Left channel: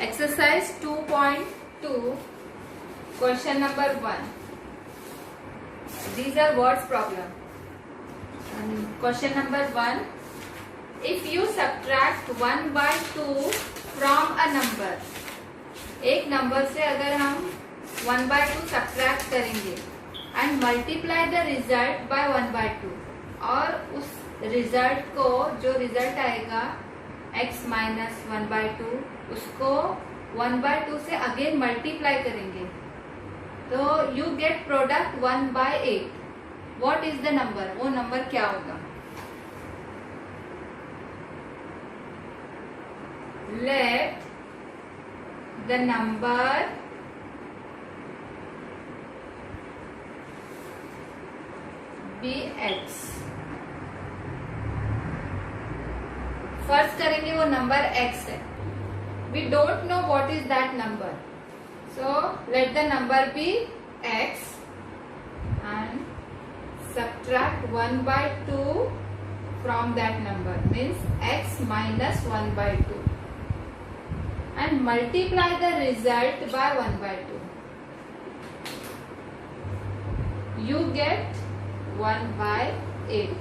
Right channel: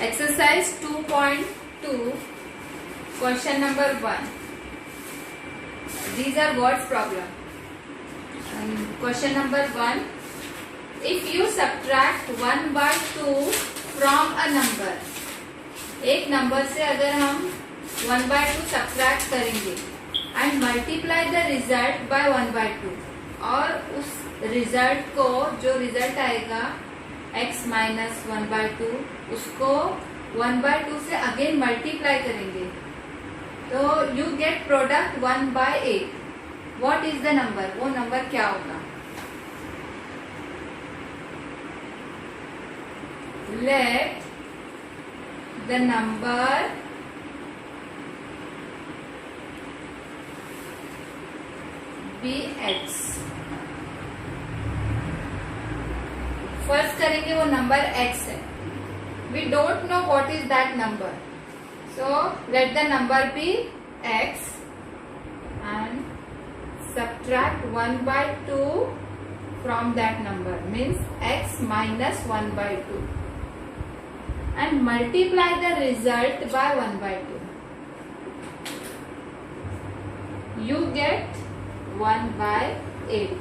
Exercise 2.2, question number 1. These are words problem. And question number 1. If you subtract 1 by 2 from a number, एक number से अगर हम 1 by 2 subtract करेंगे and multiply the result by 1 by 2, और उस result को, जो रिजल्ट आएगा x माइनस 1 by 2, उसको 1 by 2 से अगेन मल्टीप्लाई करेंगे तो you get product 1 by 8. What is the number? वो नंबर क्या होगा? Let the number be x. First करेंगे वो नंबर x है. We don't know what is that number, so let the number be x and subtract 1 by 2 from that number, means x minus 1 by 2, and multiply the result by 1 by 2. You get 1 by 8.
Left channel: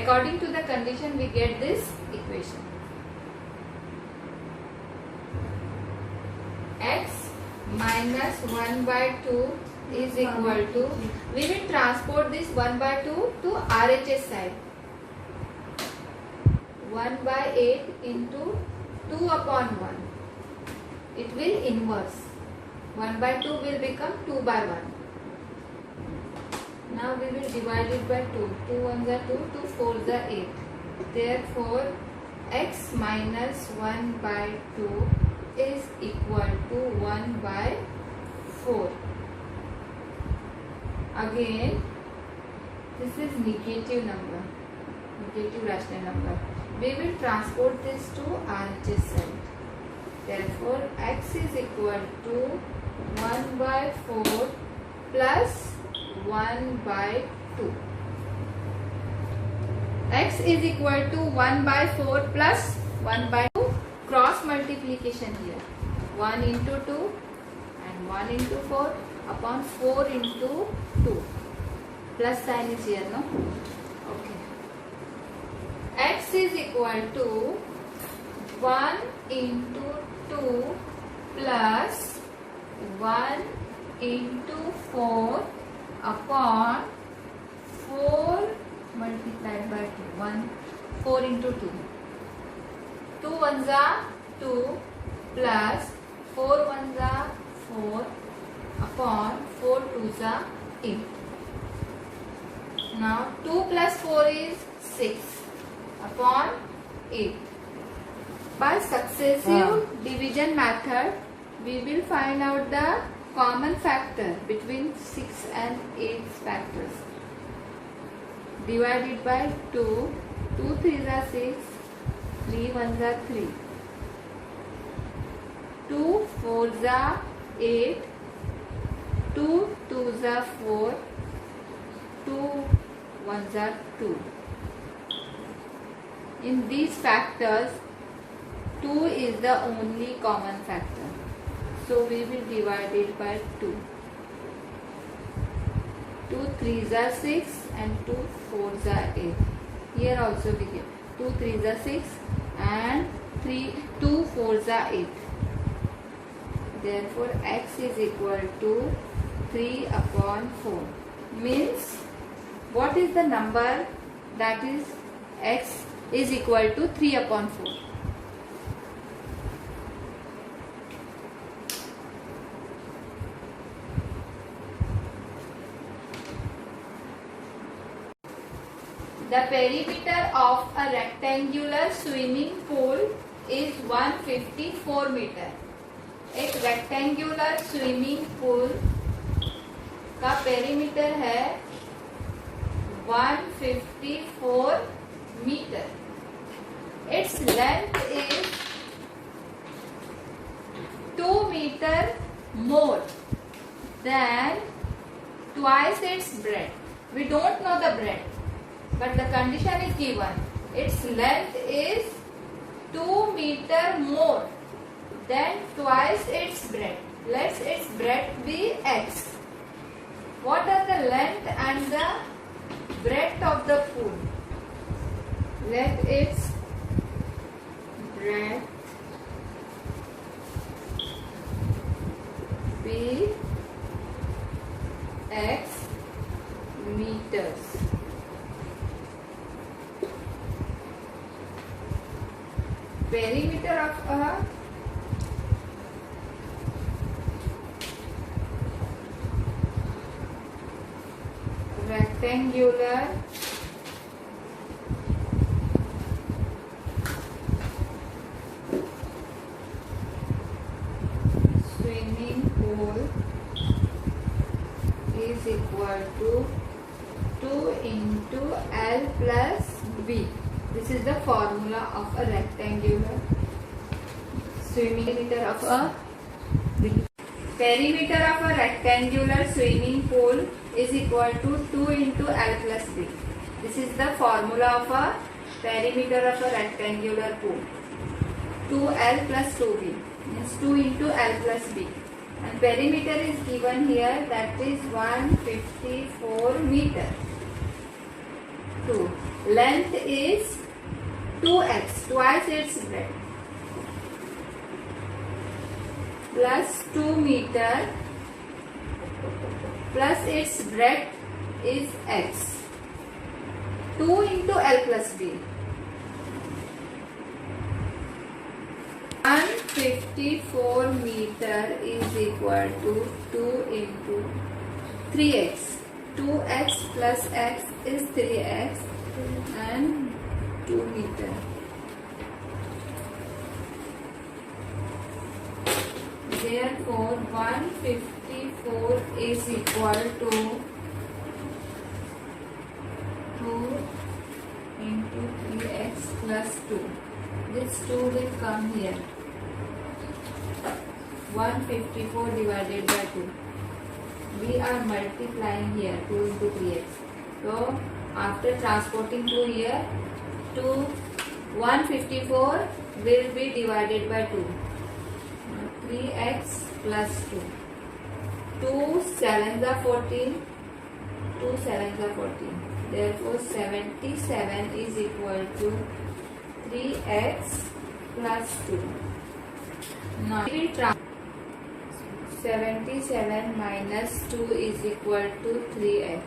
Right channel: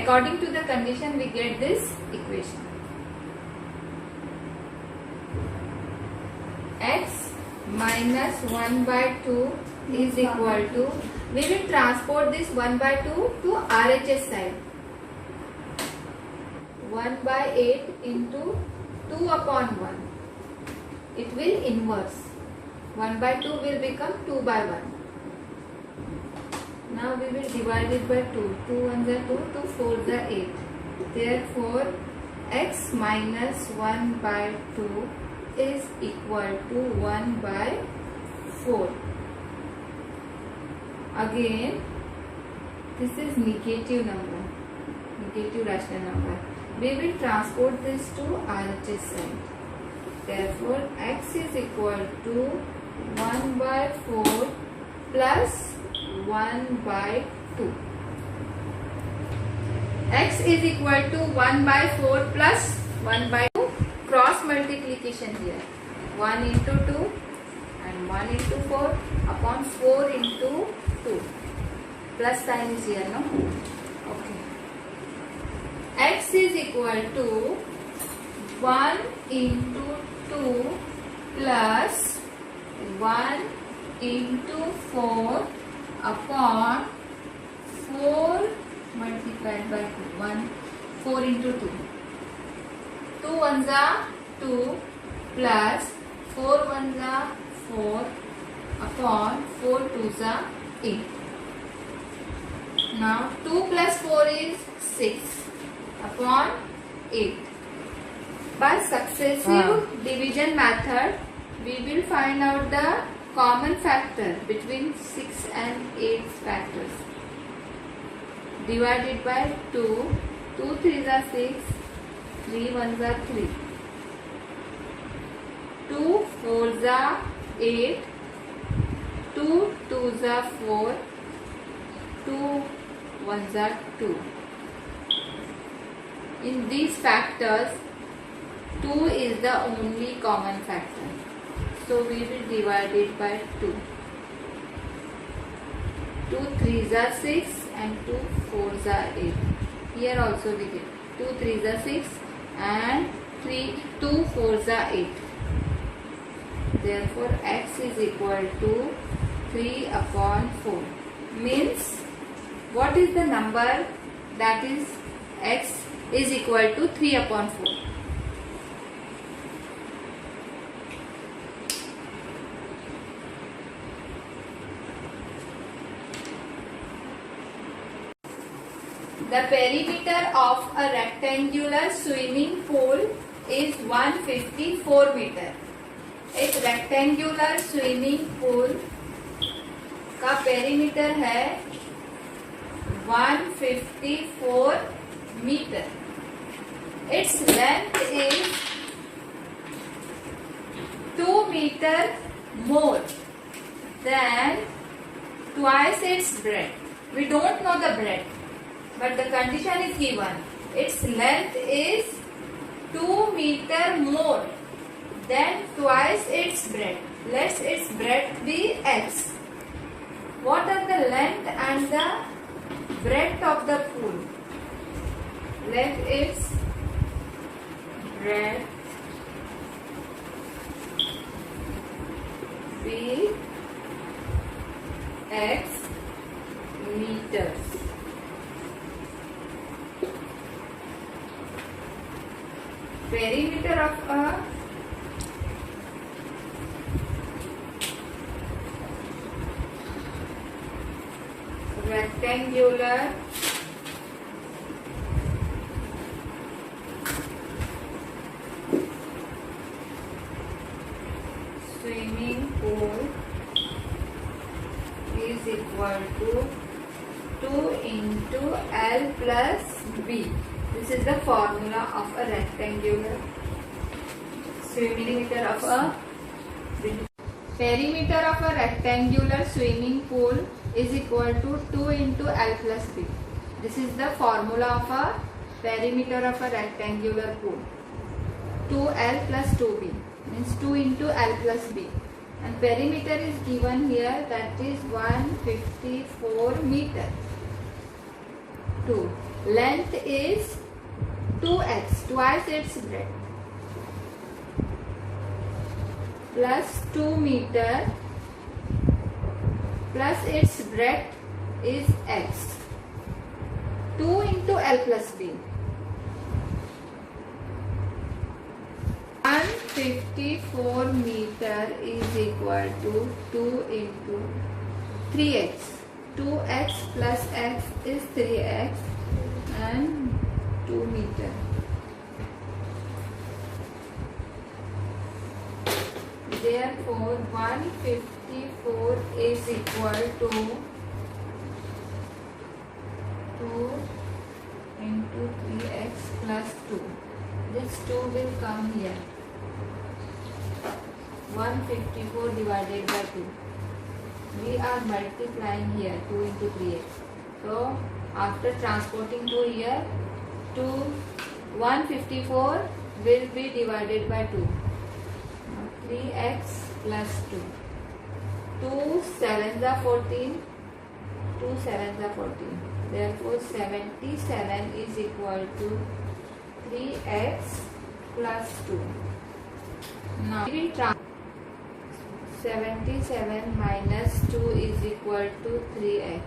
According to the condition, we get this equation. X minus 1 by 2 is equal to, we will transport this 1 by 2 to RHS side. 1 by 8 into 2 upon 1. It will inverse. 1 by 2 will become 2 by 1. Now we will divide it by 2. 2 1s are 2, 2 4s are 8. Therefore, x minus 1 by 2 is equal to 1 by 4. Again, this is negative number, negative rational number. We will transport this to RHS side. Therefore, x is equal to 1 by 4 plus 1 by 2. X is equal to 1 by 4 plus 1 by 2. Cross multiplication here. 1 into 2 and 1 into 4 upon 4 into 2. Plus sign is here, no? Okay. X is equal to 1 into 2 plus 1 into 4 upon 4 multiplied by 2. 1, 4 into 2. 2 1s are 2 plus 4 1s are 4 upon 4 2s are 8. Now 2 plus 4 is 6 upon 8. By successive division method, we will find out the common factor between 6 and 8 factors. Divided by 2. 2 3s are 6. 3 1s are 3. 2 4s are 8. 2 2s are 4. 2 1s are 2. In these factors, 2 is the only common factor. So we will divide it by 2. 2 3s are 6 and 2 4s are 8. Here also we get 2 3s are 6 and 2 4s are 8. Therefore, x is equal to 3 upon 4. Means, what is the number that is x is equal to 3 upon 4? The perimeter of a rectangular swimming pool is 154 meter. एक rectangular swimming pool का perimeter है 154 meter. Its length is 2 meter more than twice its breadth. We don't know the breadth, but the condition is given. Its length is 2 meter more then twice its breadth. Let its breadth be x. What are the length and the breadth of the pool? Let its breadth be x meters. Perimeter of a rectangular swimming pool is equal to 2 into L plus B. This is the formula of a rectangular perimeter of a rectangular swimming pool is equal to 2 into L plus B. This is the formula of a perimeter of a rectangular pool. 2L plus 2B means 2 into L plus B. And perimeter is given here, that is 154 meter. 2. Length is 2x, twice its breadth, plus 2 meter plus its breadth is x. 2 into L plus B. 154 meter is equal to 2 into 3x. 2x plus x is 3x and 2 meter. Therefore, 154 is equal to 2 into 3x plus 2. This 2 will come here. 154 divided by 2. We are multiplying here 2 into 3x. So, after transporting to here, 154 will be divided by 2. 3x plus 2. 2 sevens are 14. 2 sevens are 14. Therefore, 77 is equal to 3x plus 2. Now, we will 77 minus 2 is equal to 3x.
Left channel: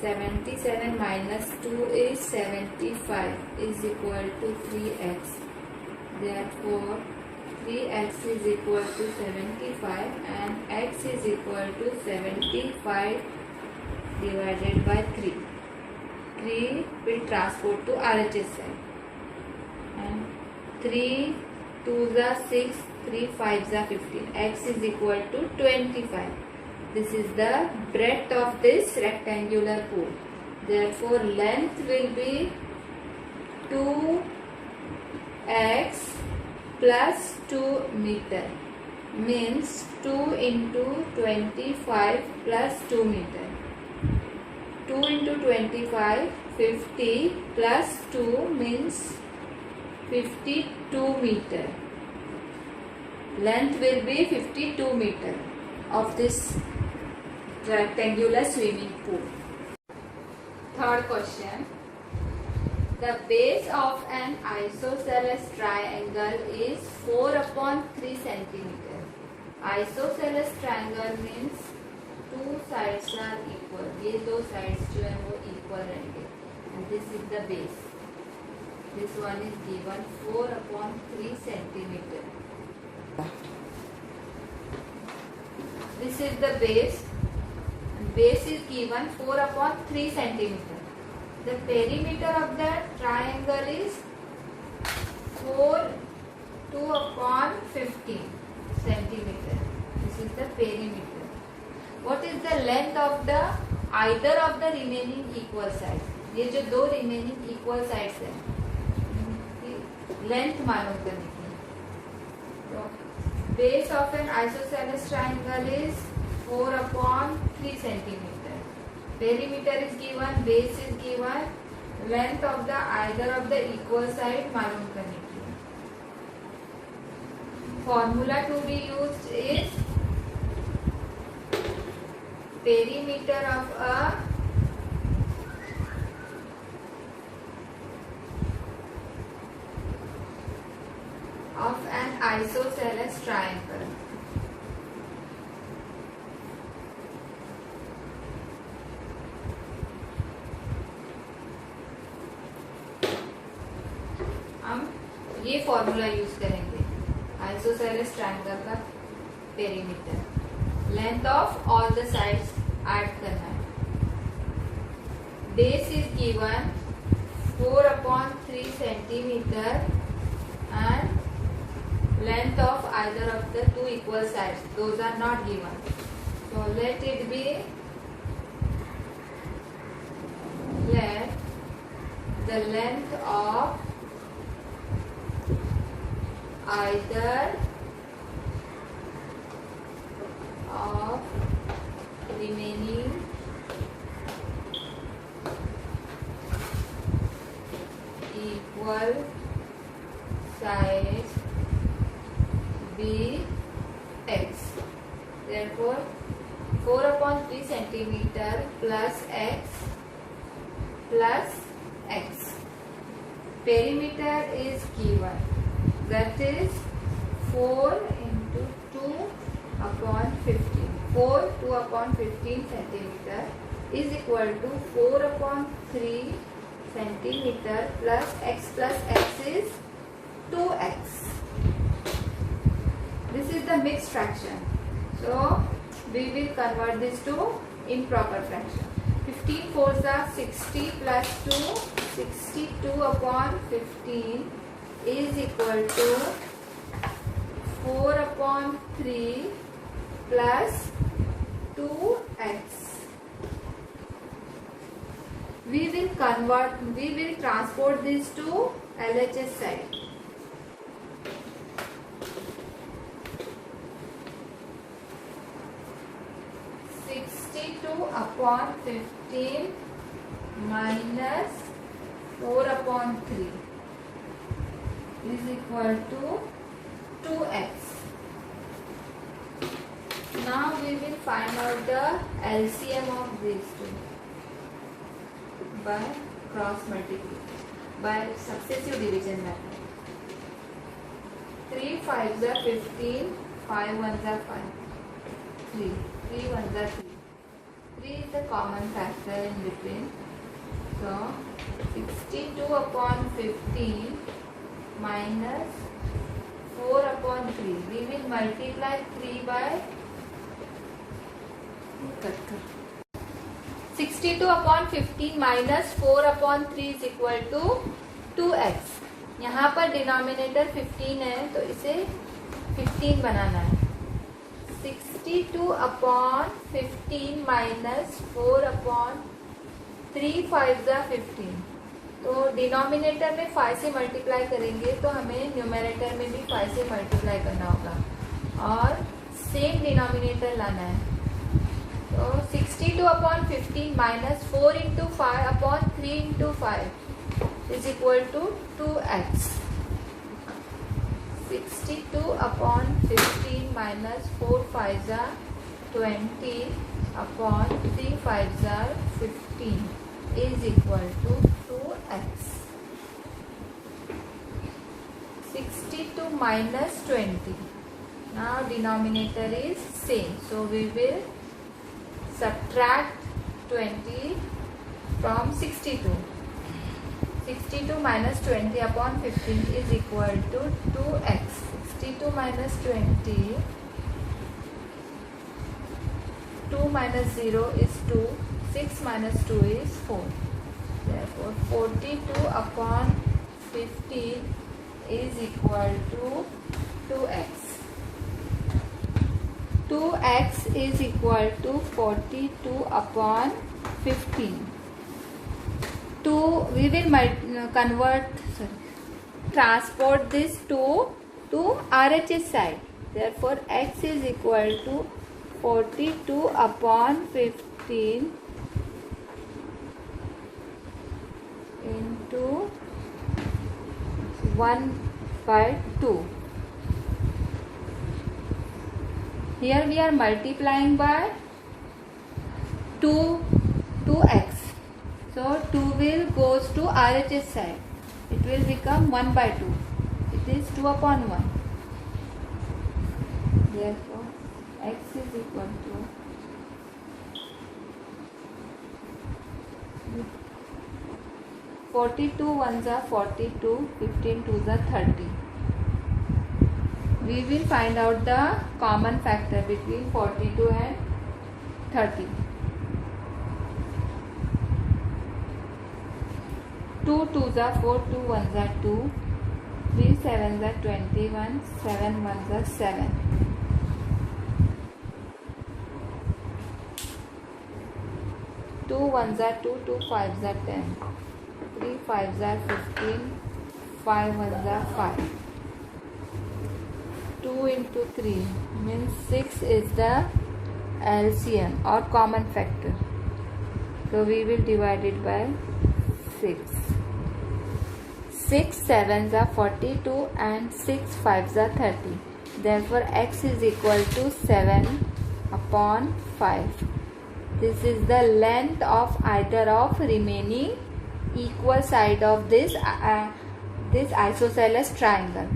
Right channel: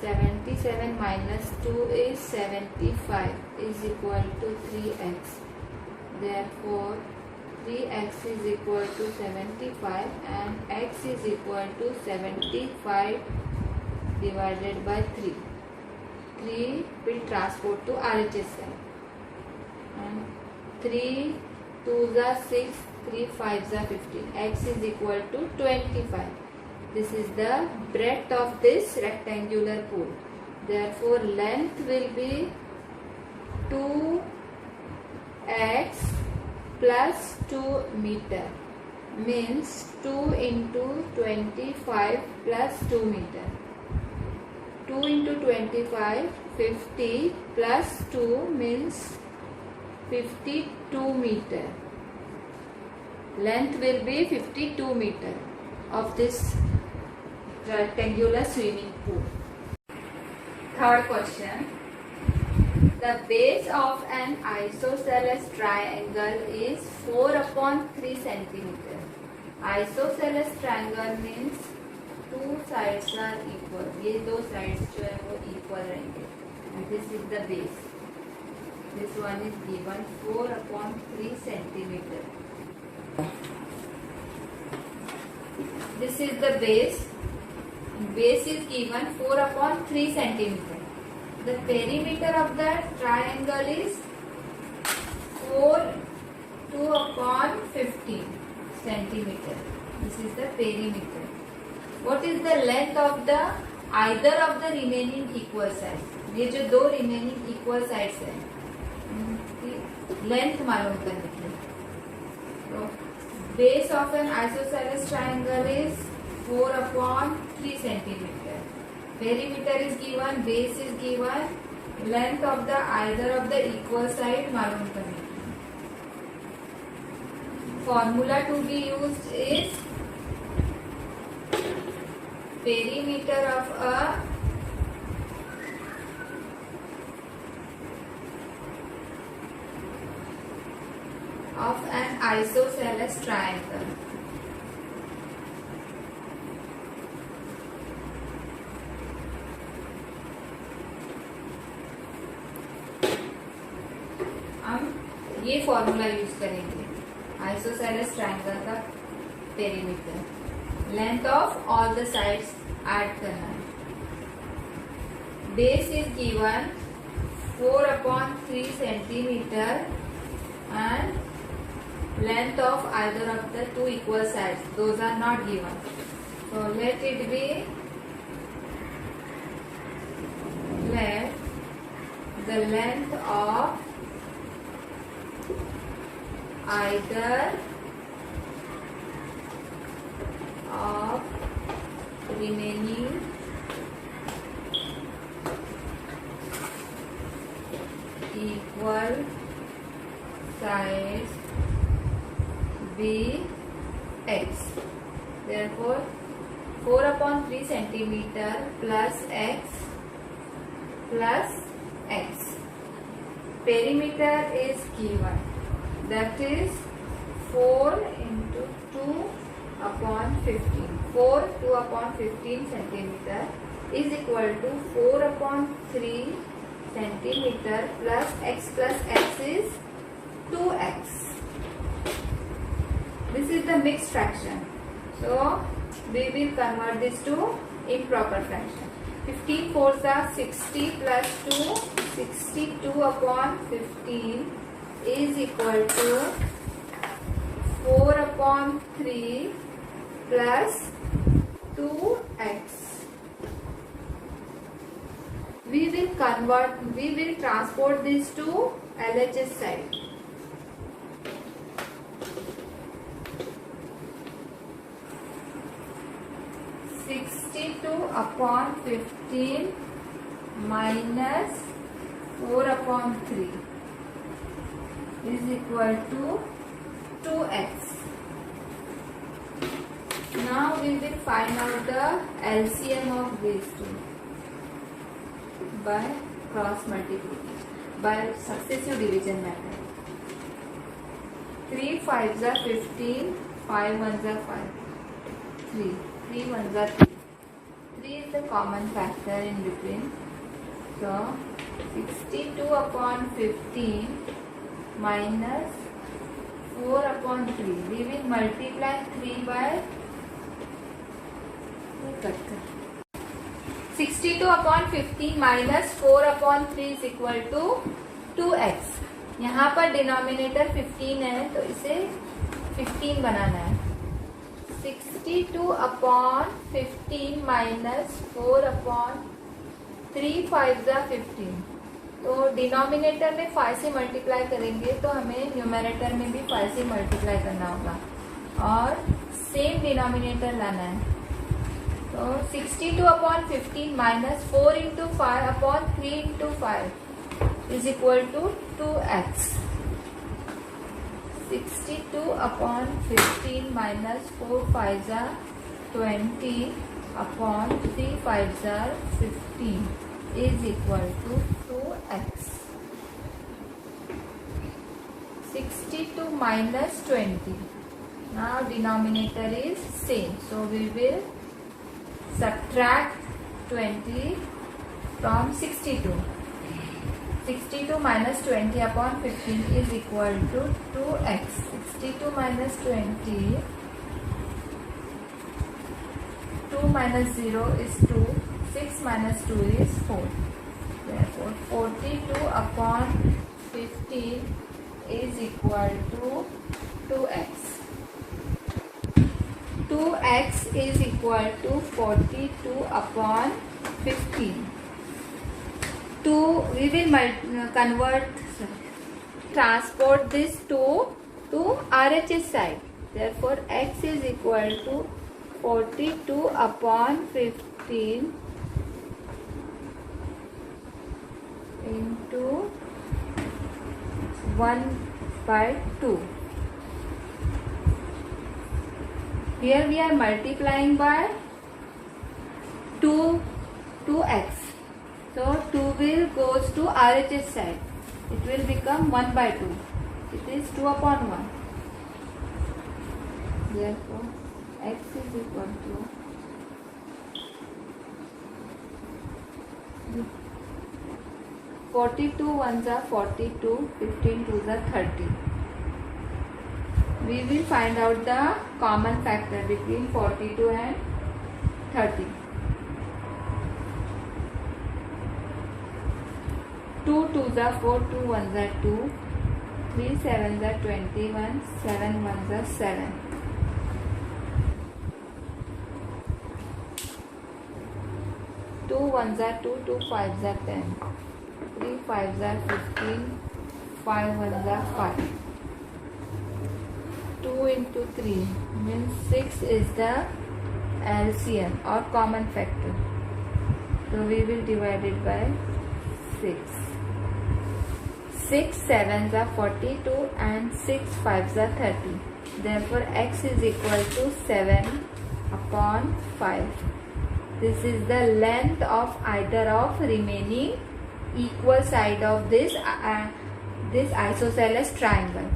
77 minus 2 is 75 is equal to 3x. Therefore, 3x is equal to 75 and x is equal to 75 divided by 3. 3 will transport to RHS side. And 3 2s are 6, 3 5s are 15. X is equal to 25. This is the breadth of this rectangular pool. Therefore, length will be 2x plus 2 meter. Means 2 into 25 plus 2 meter. 2 into 25, 50 plus 2 means 52 meter. Length will be 52 meter of this rectangular swimming pool. Third question. The base of an isosceles triangle is 4 upon 3 centimeter. Isosceles triangle means two sides are equal. ये दो sides जो है वो equal रहेंगे. And this is the base. This one is given 4 upon 3 centimeter. This is the base. Base is given 4 upon 3 centimeter. The perimeter of the triangle is 2 upon 15 centimeter. This is the perimeter. What is the length of the either of the remaining equal sides? ये जो दो remaining equal sides हैं, length मालूम करने के लिए. So, base of an isosceles triangle is 4 upon 3 centimeter. Perimeter is given, base is given, length of the either of the equal side मालूम करने के लिए. formula to be used is perimeter of an isosceles triangle. हम ये formula use करेंगे isosceles triangle का perimeter length of all the sides add करना है. Base is given 4/3 centimetre and length of either of the two equal sides, those are not given, so let it be, let the length of either of remaining equal sides be x. Therefore 4/3 centimeter plus x plus x. Perimeter is given, that is 4 into 2/15. 4 2/15 centimeter is equal to 4/3 centimeter plus x is 2x. This is the mixed fraction, so we will convert this to improper fraction. 15 4s are 60 plus 2, 62/15 is equal to 4/3 plus 2x. We will transport this to LHS side. 62/15 minus 4/3 is equal to 2x. Now we will find out the LCM of these two by cross multiplication, by successive division method. 3 5s are 15, 5 1s are 5, 3 3 1s are 3. 3 is the common factor in between. So 62/15 minus 4/3. We will multiply 3 by 62/15 minus 4/3 is equal to 2x. यहाँ पर denominator 15 है तो इसे 15 बनाना है. 62/15 minus 4/3 5s are 15. तो denominator में 5 से multiply करेंगे तो हमें न्यूमरेटर में भी 5 से मल्टीप्लाई करना होगा और सेम डिनोमिनेटर लाना है. तो 62/15 minus 4 into 5/3 into 5 is equal to 2x. 62/15 minus 4 5s are 20/3 5s are 15 is equal to 2x. 62 minus 20. Now denominator is same, so we will subtract 20 from 62. 62 minus 20/15 is equal to 2x. 62 minus 20. 2 minus 0 is 2. 6 minus 2 is 4. Therefore 42/15 is equal to 2x. 2x is equal to 42/15. We will transport this to RHS side. Therefore x is equal to 42/15 into 1/2. Here we are multiplying by 2x. So 2 will goes to RHS side. It will become 1 by 2. It is 2 upon 1. Therefore, x is equal to 42 ones are 42, 15 twos are 30. We will find out the common factor between 42 and 30. 2 twos are 4, 2 ones are 2, 3 sevens are 21, 7 ones are 7. 2 ones are 2, 2 fives are 10, 3 fives are 15, 5 ones are 5. 2 into 3 means 6 is the LCM or common factor. So we will divide it by 6. 6 sevens are 42 and 6 fives are 30. Therefore x is equal to 7 upon 5. This is the length of either of remaining equal side of this isosceles triangle.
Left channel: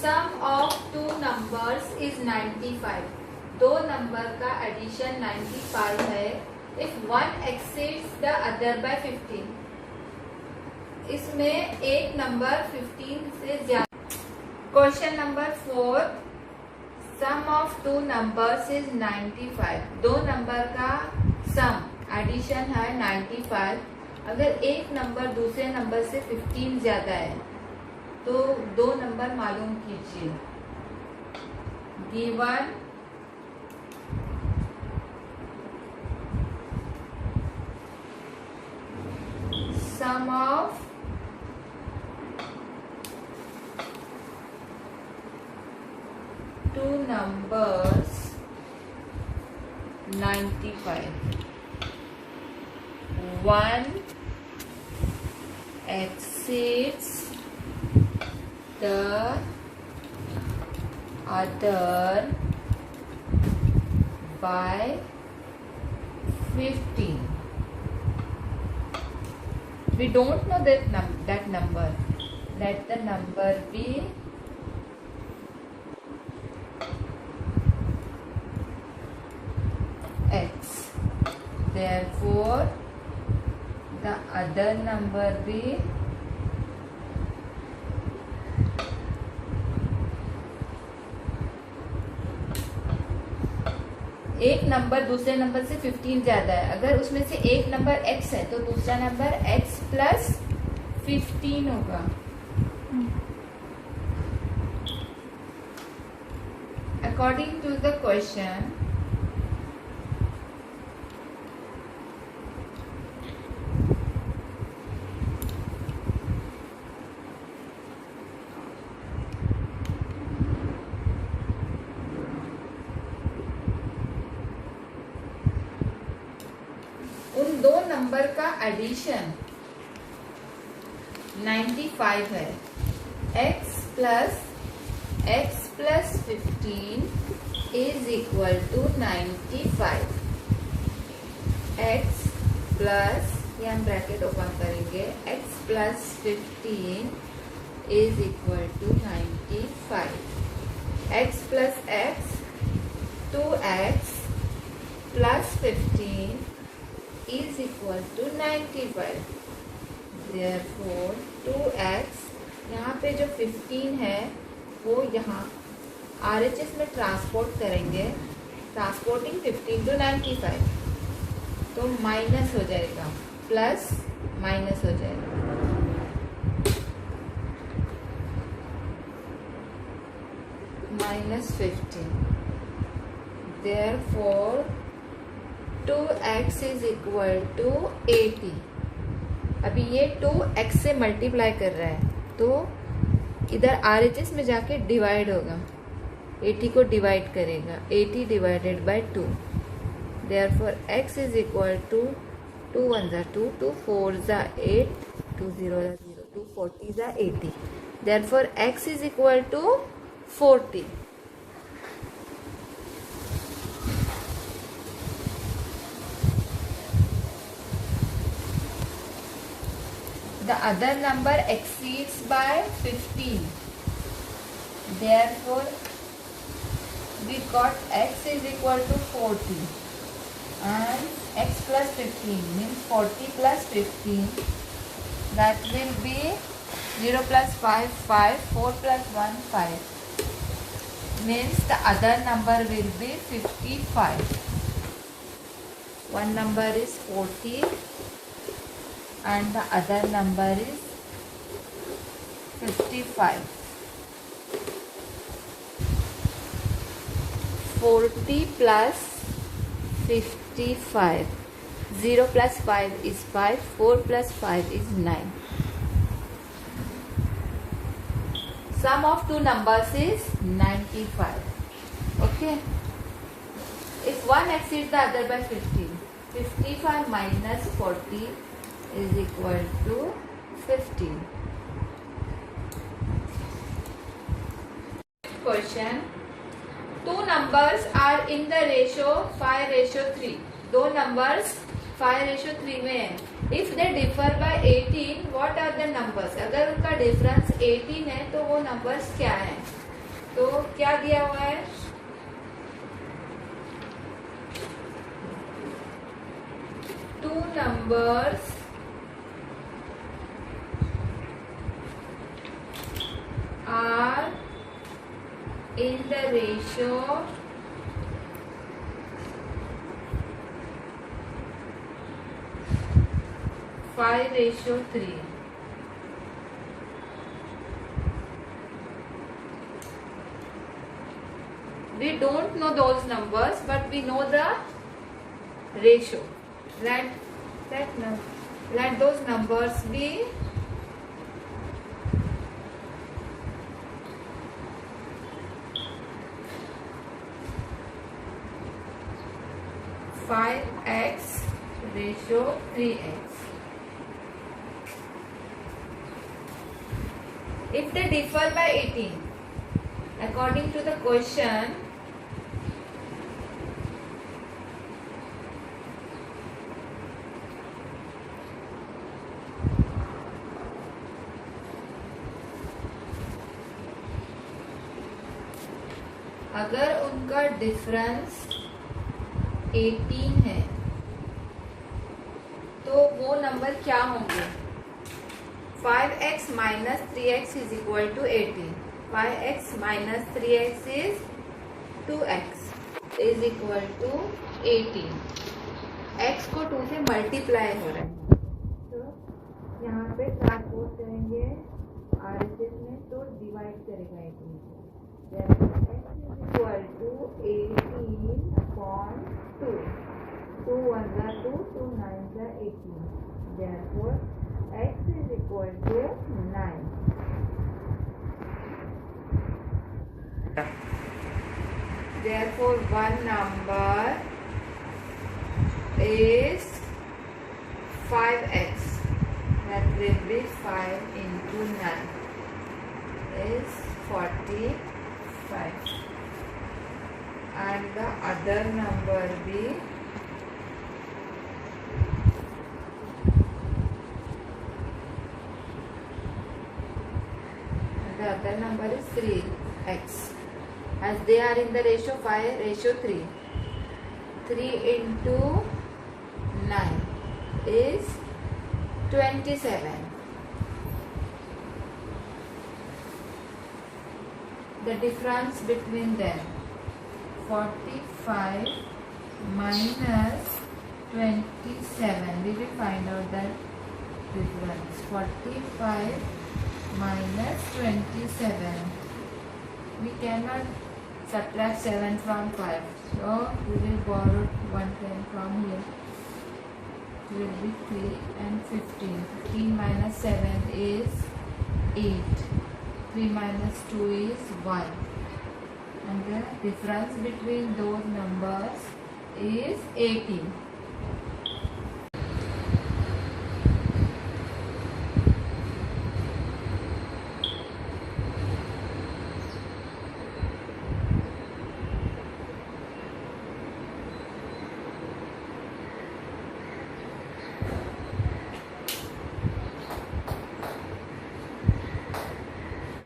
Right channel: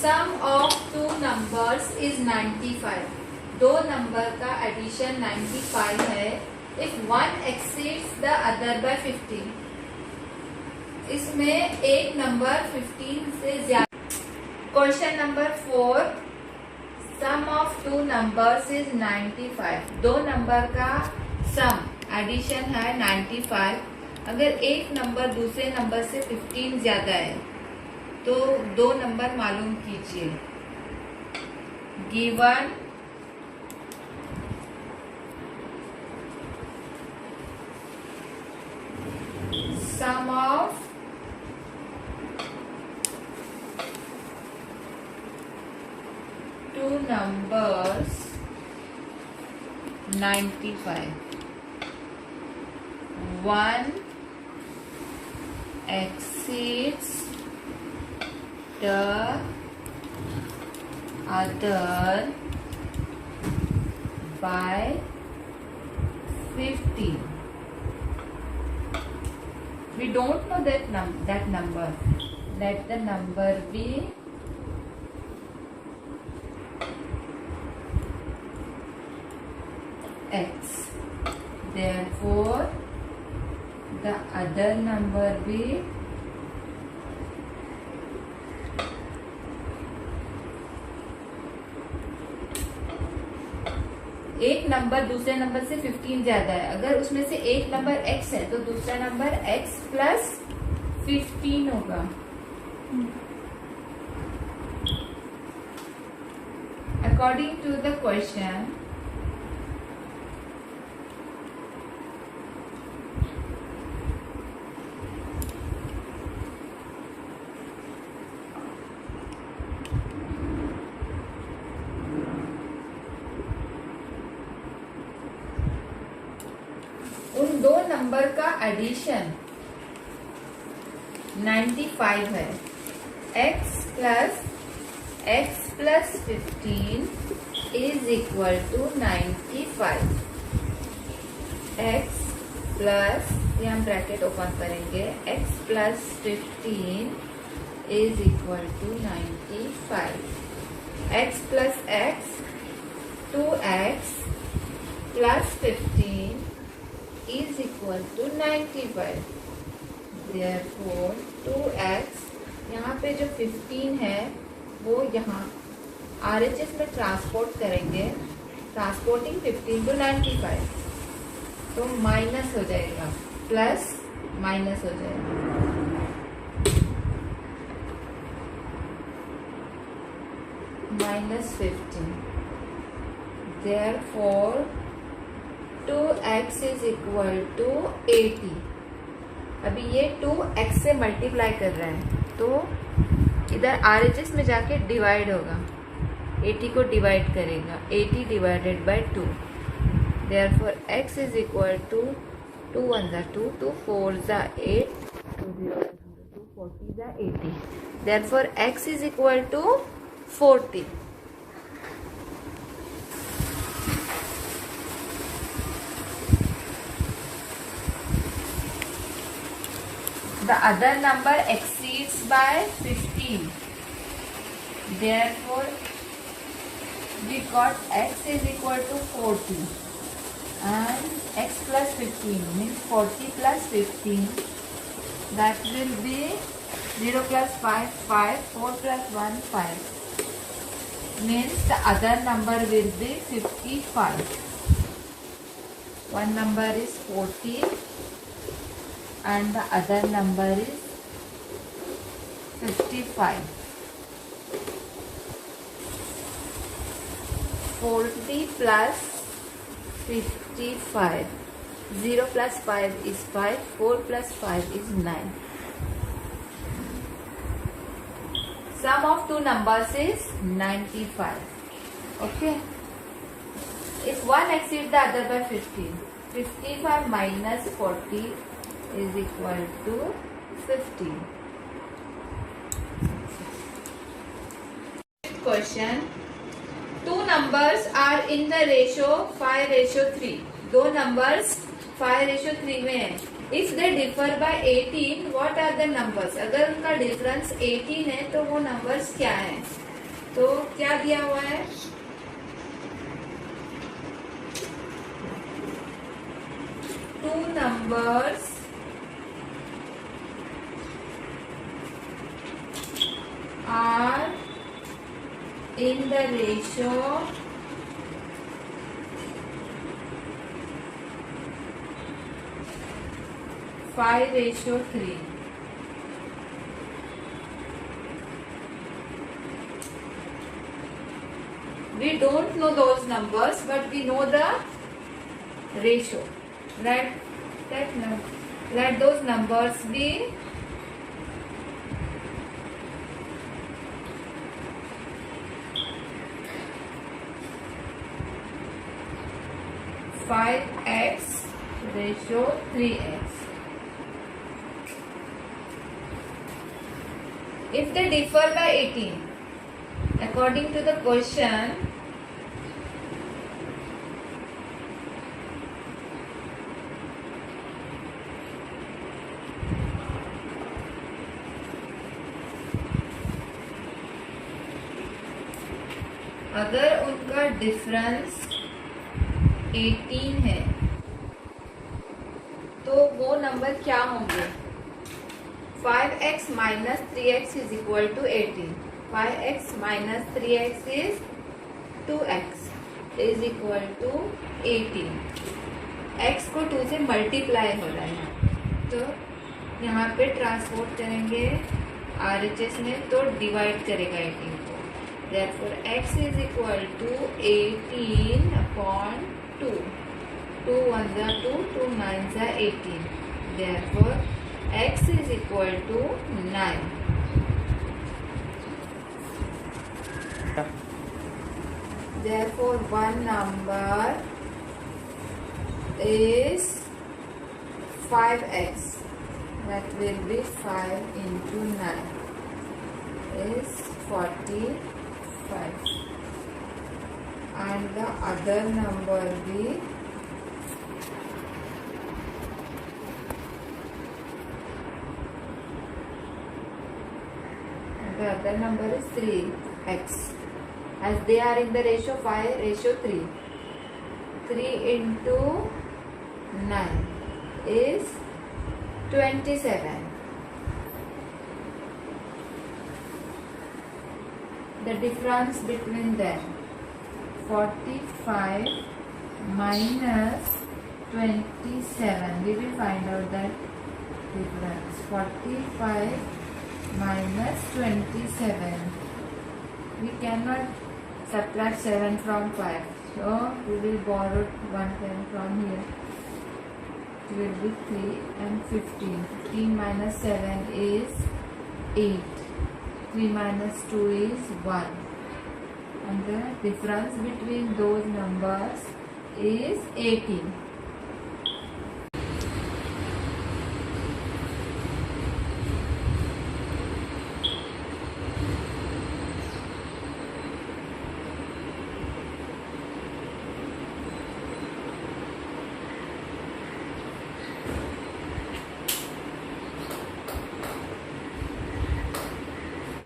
Sum of two numbers is 95. दो number का addition 95 है. If one exceeds the other by 15. इसमें एक number 15 से ज्यादा. Question number 4. Sum of two numbers is 95. दो number का सम addition है 95. अगर एक नंबर दूसरे नंबर से 15 ज्यादा है तो दो नंबर मालूम कीजिए. Given sum of two numbers 95. One exceeds the other by 15. We don't know that number. Let the number be x. Therefore, the other number be एक नंबर दूसरे नंबर से 15 ज्यादा है. अगर उसमें से एक नंबर x है तो दूसरा नंबर x प्लस 15 होगा. अकॉर्डिंग टू द क्वेश्चन उन दो नंबर का एडिशन 95 है. x plus 15 is equal to 95. x plus, ये हम ब्रैकेट ओपन करेंगे, x plus 15 is equal to 95. x plus x 2x plus 15 is equal to 95. Therefore 2x, यहाँ पे जो 15 है वो यहाँ RHS में ट्रांसपोर्ट करेंगे. ट्रांसपोर्टिंग 15 to 95 तो माइनस हो जाएगा, प्लस माइनस हो जाएगा. -15. Therefore 2x is equal to 80। अभी ये 2x से मल्टीप्लाई कर रहा है तो इधर RHS में जाके डिवाइड होगा, 80 को डिवाइड करेगा, 80 divided by 2। Therefore x is equal to 2 1 ज़ा 2, 2 4 ज़ा 8, 2 0 ज़ा 0, 2 40 ज़ा 80। Therefore x is equal to 40। The other number exceeds by 15. Therefore, we got x is equal to 40 and x plus 15 means 40 plus 15. That will be 0 plus 5, 5, 4 plus 1, 5. Means the other number will be 55. One number is 40. And the other number is 55. 40 plus 55. 0 plus 5 is 5. 4 plus 5 is 9. Sum of two numbers is 95. Okay. If one exceeds the other by 15, 55 minus 40 is equal to 15. Question. Two numbers are in the ratio 5:3. दो numbers 5:3 में है. If they differ by 18, what are the numbers? अगर उनका difference 18 है तो वो numbers क्या हैं? तो क्या दिया हुआ है? Two numbers are in the ratio 5:3. We don't know those numbers, but we know the ratio. Let those numbers be 5x ratio 3x. If they differ by 18, according to the question, अगर उनका difference 18 है तो वो number क्या होंगे? 5x minus 3x is equal to 18. 5x minus 3x is 2x is equal to 18. x को 2 से multiply हो रहा है तो यहाँ पे ट्रांसपोर्ट करेंगे RHS में तो डिवाइड करेगा 18 को. Therefore x is equal to 18 upon 2. 2 1 ज़ा 2, 2 9 ज़ा 18. Therefore x is equal to 9. Therefore one number is 5x. That will be 5 into 9 is 45. And the other number be the other number is 3x, as they are in the ratio 5:3. 3 into 9 is 27. The difference between them, 45 minus 27. We will find out that difference. 45 minus 27. We cannot subtract 7 from 5. So we will borrow 110 from here. It will be 3 and 15. 15 minus 7 is 8. 3 minus 2 is 1. And the difference between those numbers is 18.